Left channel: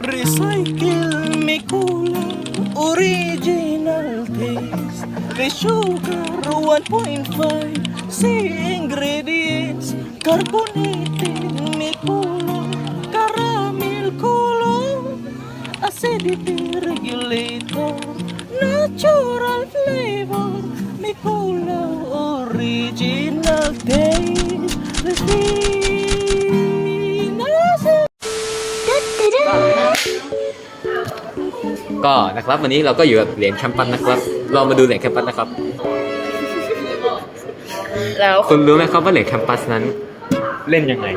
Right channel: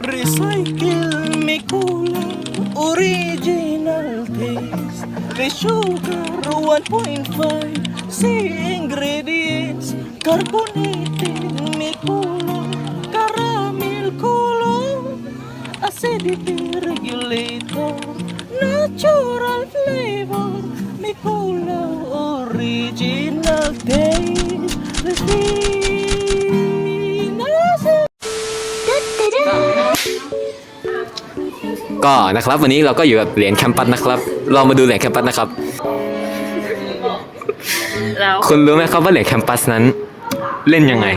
Recycle में original taste. The sugar 1.5 C ingredients. Carbonated me color caramel color acidity regulator. Natural flavor me original taste. With ก็นะครับ วันนี้เราก็อยู่กับเหรียญแคมปัสนะครับเรามาดูเหรียญแคมปัสนะครับ แล้วคุณรู้ไหมครับว่าเหรียญแคมปัสนั้น เล่นยังไง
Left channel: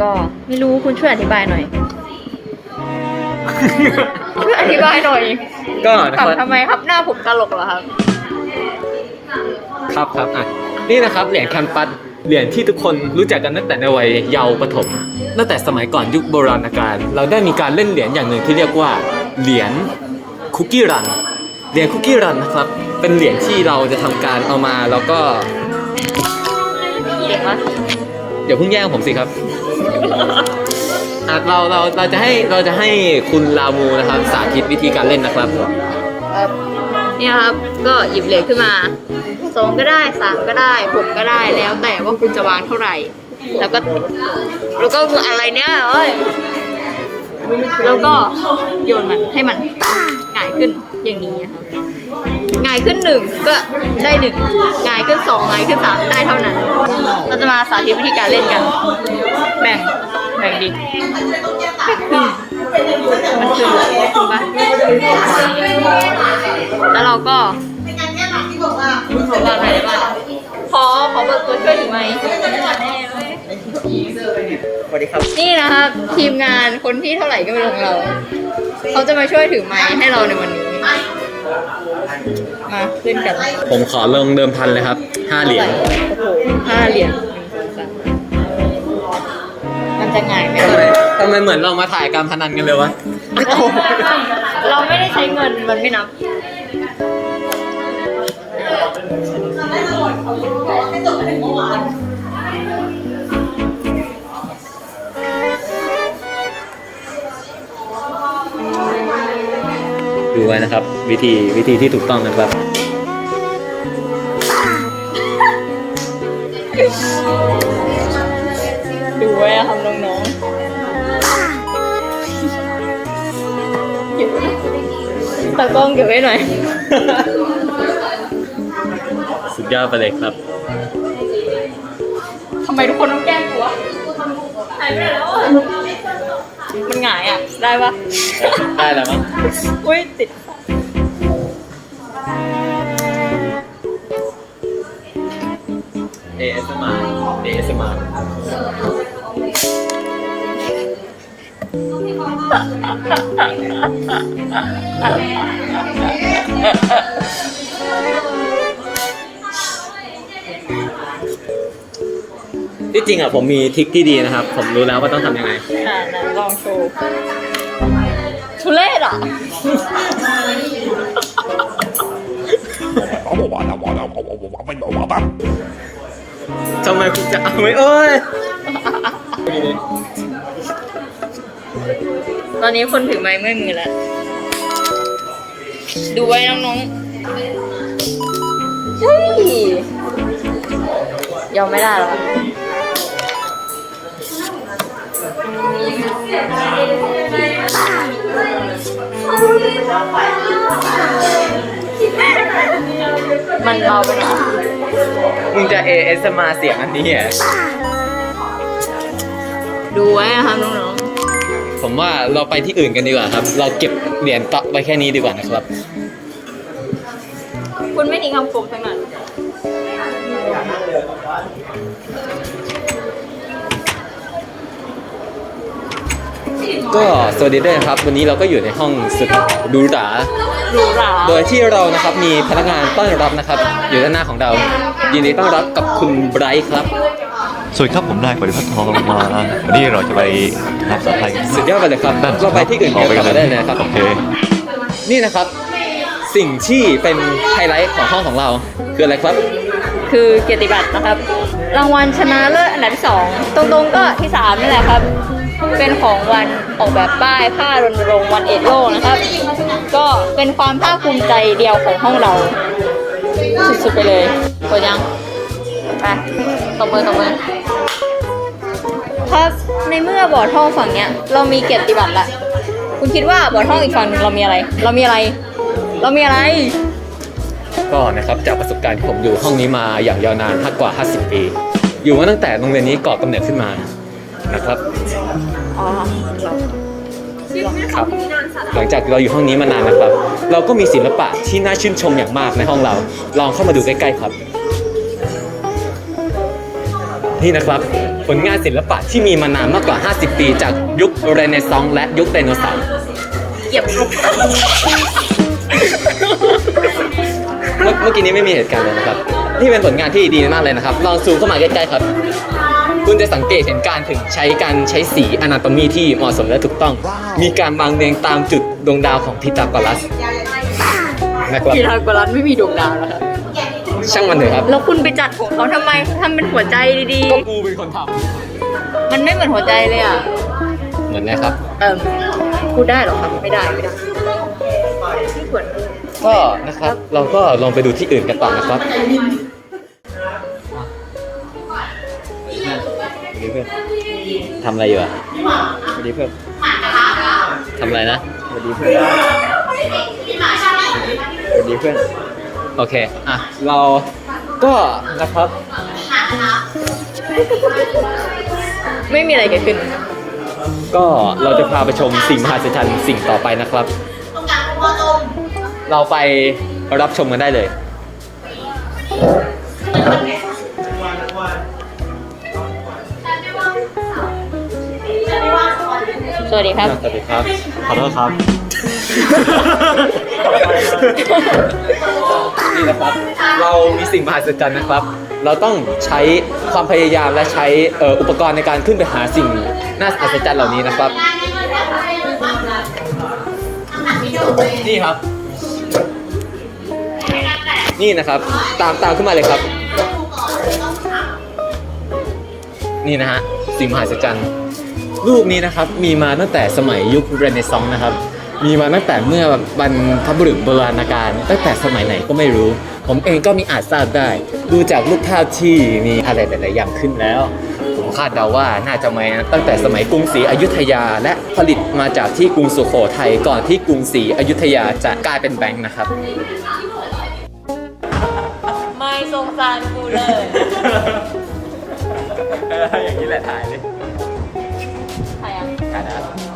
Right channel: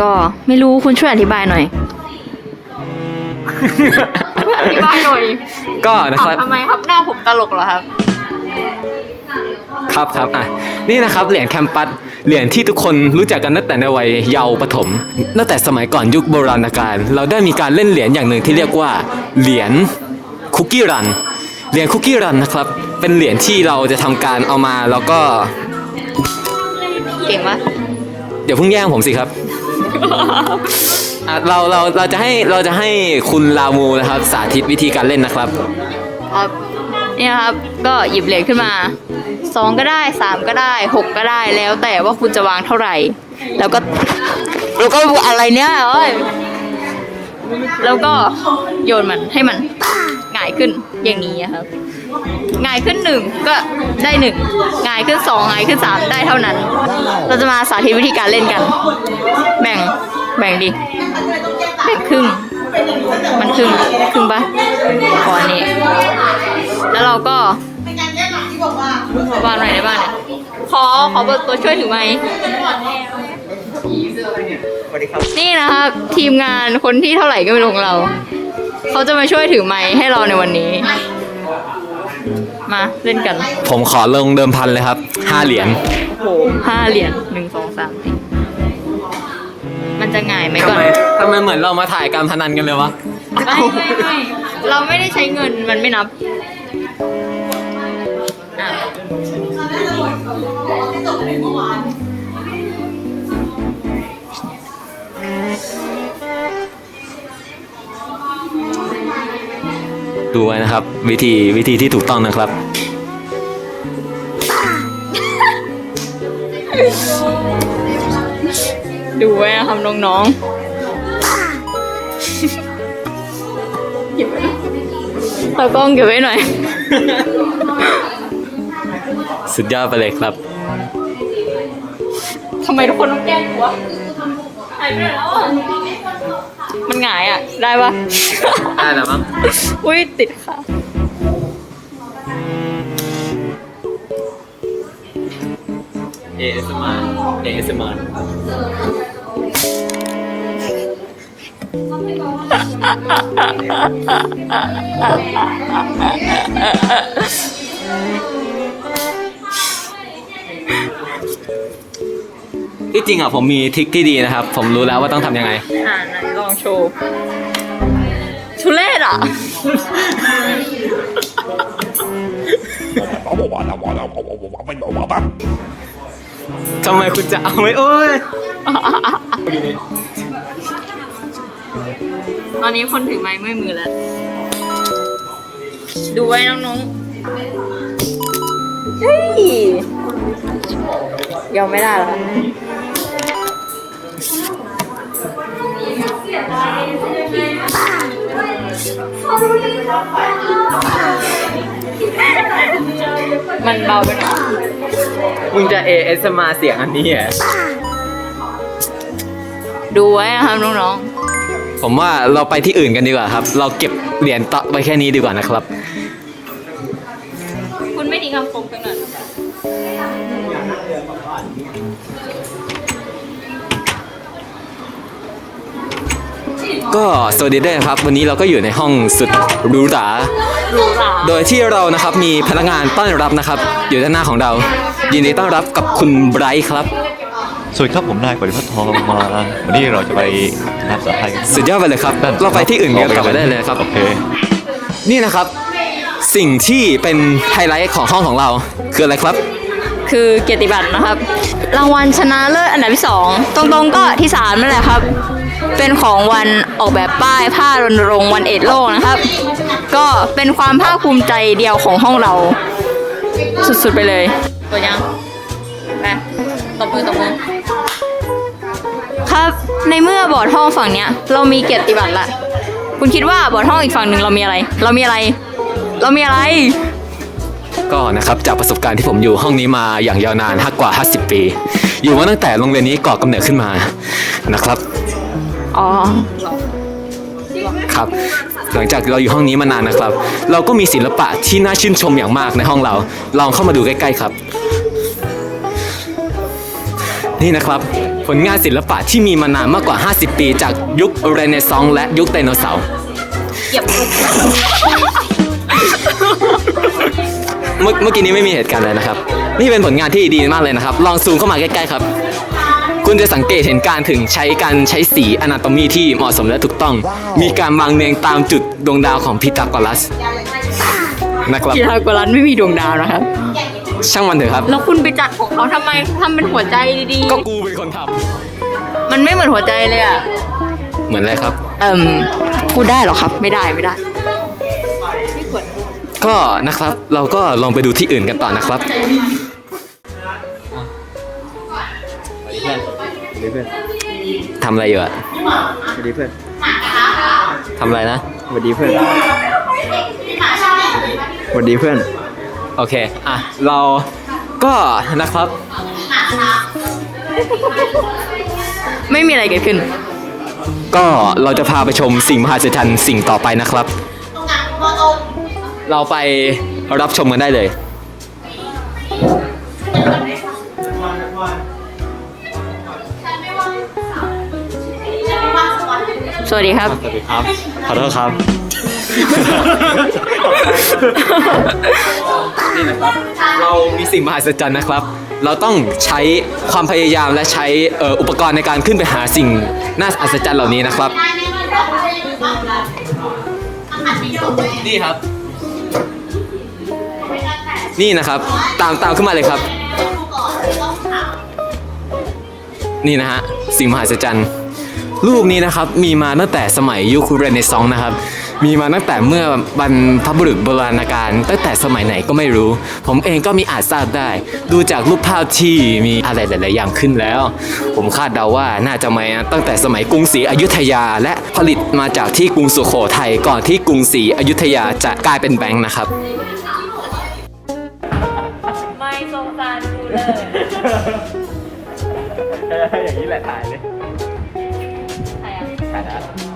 ก็ไม่รู้คุณช่วยอธิบายหน่อยช่วยอธิบายหน่อยก็นะถาคมรับทำไมครับหน้าผมตลกเหรอครับ ครับครับอะนี่นะครับเหรียญแคมปัสเหรียญที่ทุกคนรู้จักกันตั้งแต่ในวัยเยาว์ประถมตั้งแต่สมัยก่อนยุคโบราณกาลเราได้มีการเล่นเหรียญอย่างหนึ่งที่เรียกว่าเหรียญคุกกี้รันเหรียญคุกกี้รันนะครับเป็นเหรียญที่เราจะทำการเอามาแล้วก็เก่งวะเดี๋ยวเพิ่งแย่งผมสิครับอะเราเราเราจะให้เราจะให้คุณลามูนะครับ สาธิตวิธีการเล่นนะครับครับ นี่นะครับก็หยิบเหรียญขึ้นมาสองก็ได้สามก็ได้หกก็ได้แล้วแต่ว่าคุณจะวางเท่าไหร่ แล้วก็แล้วก็อะไรเนี่ยเอ้ยแล้วก็โยนมันให้มันหงายขึ้นอย่างนี้อะครับหงายขึ้นหนึ่งก็ได้หนึ่งหงายขึ้นสองหงายขึ้นสามได้เท่านั้น เราจะมาสาธิตวิธีการเล่นกัน แบ่งแบ่งดิแบ่งครึ่งมันครึ่ง ตัวช่วยถึงไหมนี่นะครับ ทีมงานคนที่เท่าไหร่ก็ไม่รู้ของเรา เขาจะมาช่วยถือไม้ให้เราในวันนี้ มาเล่นกันผมขอลงเดิมพันเลยครับห้าเหรียญโอ้โหห้าเหรียญหนึ่งสองสามมันจะง่ายไหมทำไมก่อนทำไมเหมือนเรามาถ่ายการพนันกันเลยวะ เราไม่ได้ใช้เงินมันไม่นับอะ ดูไว้นะครับ วิธีวิธีที่ถูกต้องนะครับ ดูไว้นะครับน้องๆตากล้องเก็บไว้หน่อย สุดยอดไปเลยครับ ทำไมทุกคนต้องแกล้งกูวะหายไปไหนแล้วอะ มันหงายอะ ได้ปะได้แล้วมั้งอุ้ยติดค่ะเอสมาเอสมา ที่จริงอะผมมีทริคที่ดีนะครับ ผมรู้แล้วว่าต้องทำยังไง อ่าไหนลองโชว์ทุเรศอะทำไมคุณจะเอาไม่เอ้ย ตอนนี้คนถือไม้เมื่อยมือแล้ว ดูไว้น้องๆเฮ้ยยอมไม่ได้หรอ มันเบาไปหน่อยมึงจะ ASMR เสียงอันนี้เหรอดูไว้นะครับน้องผมว่าเราไปที่อื่นกันดีกว่าครับ เราเก็บเหรียญต่อไว้แค่นี้ดีกว่านะครับ ๆ คุณไม่ทิ้งคำคมไปหน่อย ก็สวัสดีด้วยนะครับ วันนี้เราก็อยู่ในห้องสุดหรูหราหรูหราโดยที่เรานะครับมีพนักงานต้อนรับนะครับ อยู่ด้านหน้าของเรา ยินดีต้อนรับกับคุณไบรท์ครับ สวัสดีครับผมนายปริพัฒน์ทองมา วันนี้เราจะไปทำภาษาไทยกันสุดยอดไปเลยครับนั่นสิเราคไปรับที่อื่นออกไปกันเลยได้เลยครับ โอเค นี่นะครับสิ่งที่เป็นไฮไลท์ของห้องของเรา คืออะไรครับ คือเกียรติบัตรนะครับ รางวัลชนะเลิศอันดับที่สองตรงๆก็ที่สามนั่นแหละครับ เป็นของวันออกแบบป้ายผ้ารณรงค์วันเอ็ดโลกนะครับ ก็เป็นความภาคภูมิใจเดียวของห้องเรา สุดๆไปเลยกดยังไปตบมือตบมือครับในเมื่อบอร์ดห้องฝั่งเนี้ย เรามีเกียรติบัตรละคุณคิดว่าบอร์ดห้องอีกฝั่งหนึ่งเรามีอะไร เรามีอะไร เรามีอะไรก็นะครับจากประสบการณ์ที่ผมอยู่ห้องนี้มาอย่างยาวนานกว่า 50 ปี อยู่มาตั้งแต่โรงเรียนนี้ก่อกำเนิดขึ้นมานะครับ อ๋อครับหลังจากเราอยู่ห้องนี้มานานนะครับ เราก็มีศิลปะที่น่าชื่นชมอย่างมากในห้องเรา ลองเข้ามาดูใกล้ๆครับ นี่นะครับ ผลงานศิลปะที่มีมานานมากกว่า 50 ปี จากยุคเรเนซองส์และยุคไดโนเสาร์ เหยียบลงเมื่อเมื่อกี้นี้ไม่มีเหตุการณ์เลยนะครับ นี่เป็นผลงานที่ดีมากเลยนะครับ ลองซูมเข้ามาใกล้ๆครับ คุณจะสังเกตเห็นการถึงใช้การใช้สีอนาโตมีที่เหมาะสมและถูกต้อง มีการวางเรียงตามจุดดวงดาวของพีทาโกรัสนะครับกีฬากรันไม่มีดวงดาวนะครับ ช่างมันเถอะครับ แล้วคุณไปจัดของเขาทำไมทำเป็นหัวใจดีก็กูเป็นคนทๆมันไม่เหมือนหัวใจเลยอะำเหมือนอะไรครับ เอิมพูดได้เหรอครับ ไม่ได้ไม่ได้ไม่ควรก็นะครับเราก็ลองไปดูที่อื่นกันต่อนะครับ เพื่อนทำอะไรอยู่อะสวัสดีเพื่อนทำอะไรนะสวัสดีเพื่อนสวัสดีเพื่อน โอเค อะ เราก็นะครับ ไม่มีอะไรเกิดขึ้น ก็เราจะพาไปชมสิ่งมหัศจรรย์สิ่งต่อไปนะครับ เราไปรับชมกันได้เลย วัสดีครับ สวัสดีครับ ขอโทษครับ นี่นะครับ เรามีสิ่งมหัศจรรย์นะครับ เราต้องใช้ความพยายามและใช้เอ่ออุปกรณ์ในการขึ้นไปหาสิ่งน่าอัศจรรย์เหล่านี้นะครับ นี่ครับ นี่นะครับ ตามตามขึ้นมาเลยครับ นี่นะฮะ สิ่งมหัศจรรย์ รูปนี้นะครับมีมาตั้งแต่สมัยยุคเรเนซองส์นะครับ มีมาตั้งแต่เมื่อบรรพบุรุษโบราณกาลตั้งแต่สมัยไหนก็ไม่รู้ ผมเองก็มีอาจทราบได้ ดูจากรูปภาพที่มีอะไรหลายๆอย่างขึ้นแล้ว ผมคาดเดาว่าน่าจะมาตั้งแต่สมัยกรุงศรีอยุธยา และผลิตมาจากที่กรุงสุโขทัยก่อนที่กรุงศรีอยุธยาจะกลายเป็นแบงค์นะครับ ไม่สงสารกูเลย อย่างนี้แหละถ่ายเลย ใ